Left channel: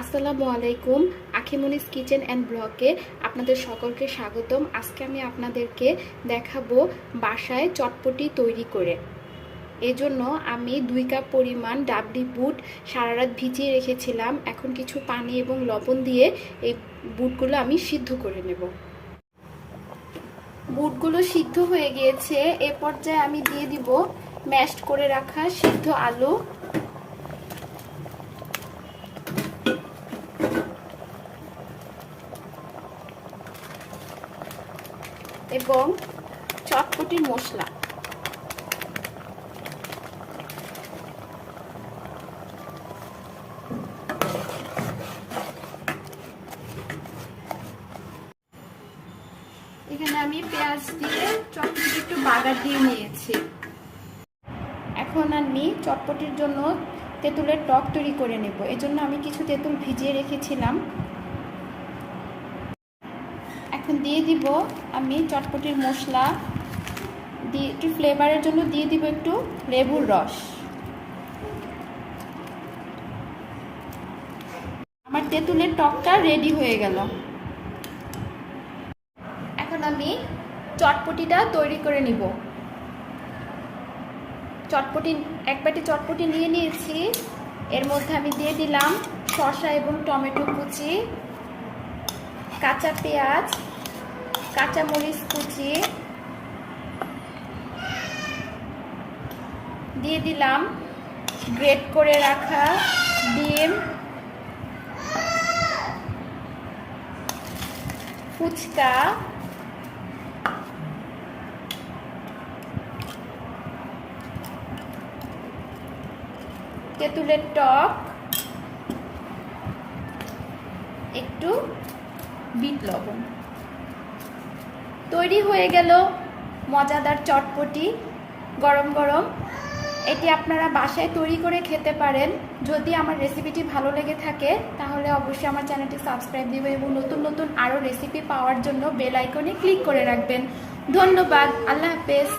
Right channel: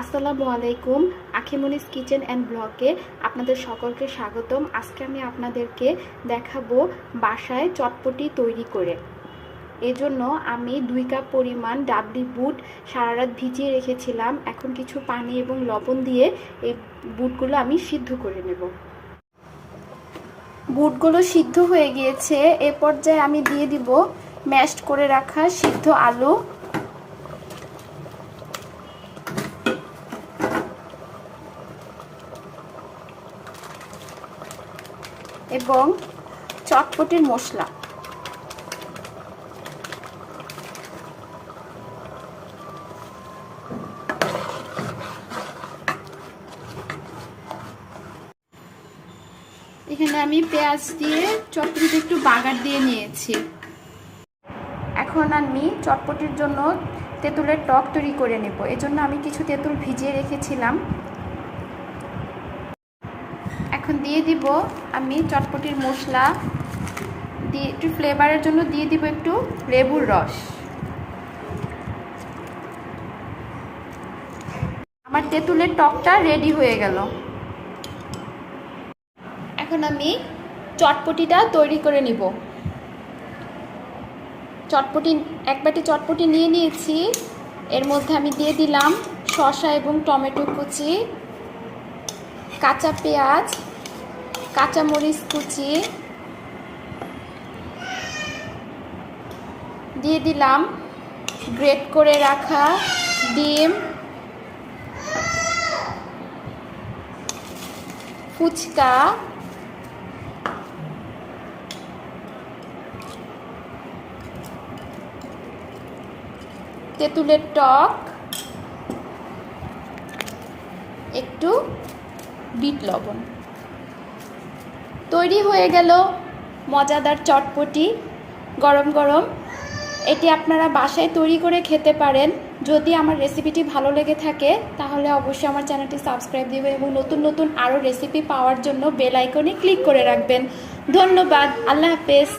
আসসালামু আলাইকুম আখিমনিস kitchen and ব্লগে আপনাদের সকলকে স্বাগতম। আজকে আমি আপনাদেরকে দেখাবো বাসায় চটপটি তৈরি করে। এজন্য আমি দুই কাপ পরিমাণ ডাবলি বুট সারা রাত ভিজিয়ে রেখেছিলাম। এখন কিছু পানি এবং লবণ দিয়ে এই বুটগুলো আমি সিদ্ধ করে নেব। বুটগুলো সিদ্ধ হয়ে গিয়েছে। এ পর্যায়ে আমি দিয়ে দিব ম্যাশড করে রাখা সিদ্ধ আলু। এবং চটপটির মশলা। এখানে আমি পেঁয়াজ দিয়ে চটপটিতে একটু বাগার দিয়ে নিয়েছি। এখন আমি চটপটির জন্য তেঁতুলের টক তৈরি করে নেব। এজন্য আমি কিছু তেঁতুল ভিজিয়ে রেখেছিলাম। এখন দিয়ে দিব আমি চটপটির মশলা। দিয়ে একটু ফ্লেভারের জন্য দিয়ে দিব একটু লেবুর রস। আমার তেঁতুলের টকটা রেডি হয়ে গেল। এখন আমি চটপটিটা তৈরি করে নিব। চটপটি, এক বাটি চটপটি নিয়ে নিয়েছি। এর মধ্যে আমি দিয়ে দিলাম শসা এবং টমেটো কুচি, কাঁচা পেঁয়াজ কাঁচা মরিচ কুচি দিয়ে দিলাম। গ্রেট করে রাখা ডিম। ফুচকা। তেঁতুলের টক। একটু বিট লবণ। তৈরি হয়ে গেল মজাদার চটপটি, গরম গরম। এটি আপনারা বাসায় তৈরি করে খেতে পারেন। যদি আমার রেসিপিটি ভালো লেগে থাকে, তাহলে অবশ্যই আমার চ্যানেলটি সাবস্ক্রাইব দিবেন এবং নতুন নতুন আরও রেসিপি পাওয়ার জন্য বেল আইকনে ক্লিক করে রাখবেন। ধন্যবাদ, আল্লাহ হাফেজ।